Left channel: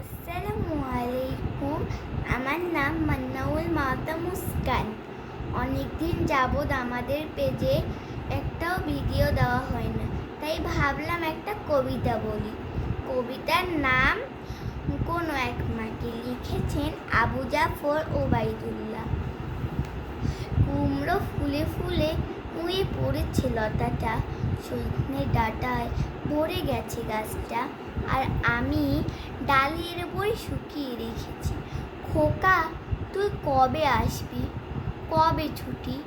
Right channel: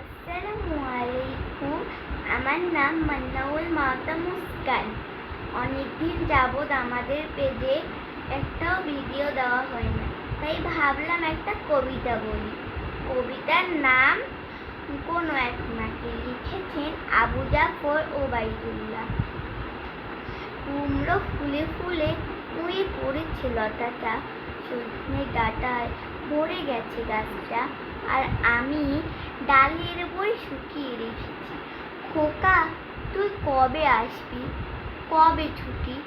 আসসালামু আমার নাম মান্নাউল মাতা মুস্কান। অনেকদিন যাবৎ আমাদের পেজে একটাও ভিডিও দেওয়া হয় না তাই ভাবলাম একটা কবিতা বলি। কবিতার নাম কোনো এক মাকে লিখেছেন আবু জাফর ওবায়দুল্লাহ কুমড়ো ফুলে ফুলে নুয়ে পড়েছে লতাটা। সজনে ডাটায় ভরে গেছে গাছটা। আর আমি ডালের বই শুকিয়ে রেখেছি। খোকা, তুই কবে আসবি? কবে ছুটি?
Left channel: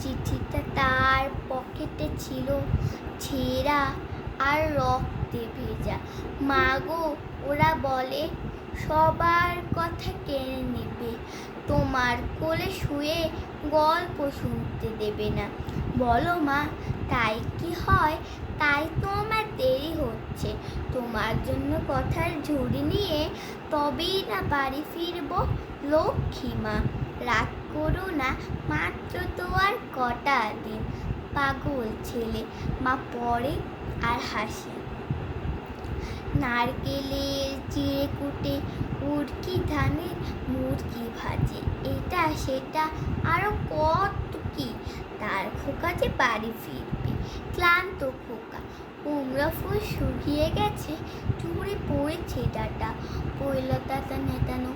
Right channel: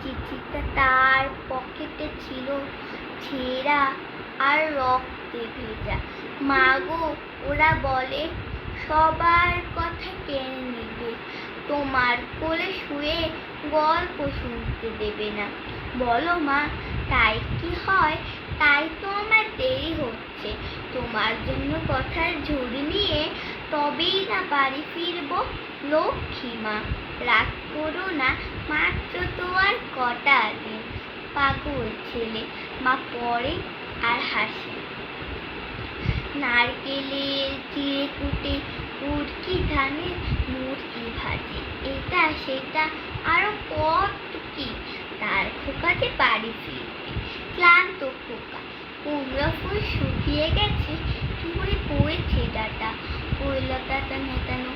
চিঠিটা তার পকেটে ছিল। ছেঁড়া আর রক্তে ভেজা। মাগো, ওরা বলে, সবার কথা কেড়ে নেবে। তোমার কোলে শুয়ে গল্প শুনতে দেবে না। বলো মা তাই কি হয়? তাই তো আমার দেরি হচ্ছে। তোমার জন্য কথার ঝুড়ি নিয়ে তবেই না বাড়ি ফিরব, লক্ষ্মী মা। রাগ করো না, মাত্র তো আর কটা দিন। পাগল ছেলে, মা পড়ে আর হাসে। নারকেলের চিড়ে কুটে, উড়কি ধানের মুরগি ভাজি। এটা, সেটা, আরও কত কি? তার খোকা যে বাড়ি ফিরবে, ক্লান্ত খোকা। কুমড়া ফুল শুকিয়ে গেছে চুড়ে পড়েছে ডাটা। কৈলতাটা নেতানো,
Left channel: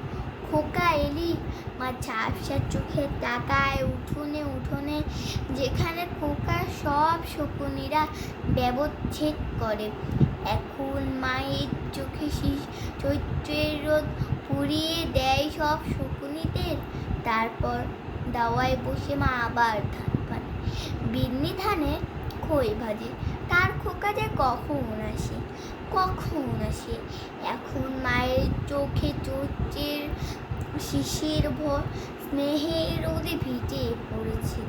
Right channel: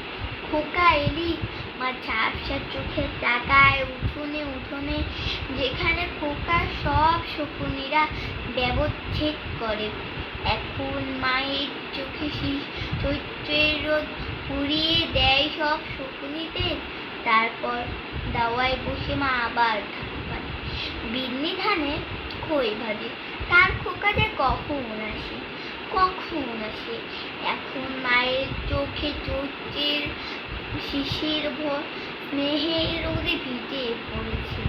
খোকা এলি? মা ঝাপসা চোখে তাকায় উঠোনে উঠোনে, যেখানে খোকা সব শকুনিরা ব্যবচ্ছেদ করে। এখন মায়ের চোখে শীষ চৈত্রের রোদ পুড়িয়ে দেয় সব শকুনিদের। তারপর দাওয়ায় বসে মা আবার পানে বিন্নি ধানে খই ভাজি, তার খোকা যে কখন আসে কখন আসে? এখন মায়ের চোখে চোখের শিশির ভর, স্নেহের রোদে ভিজে পড়েছে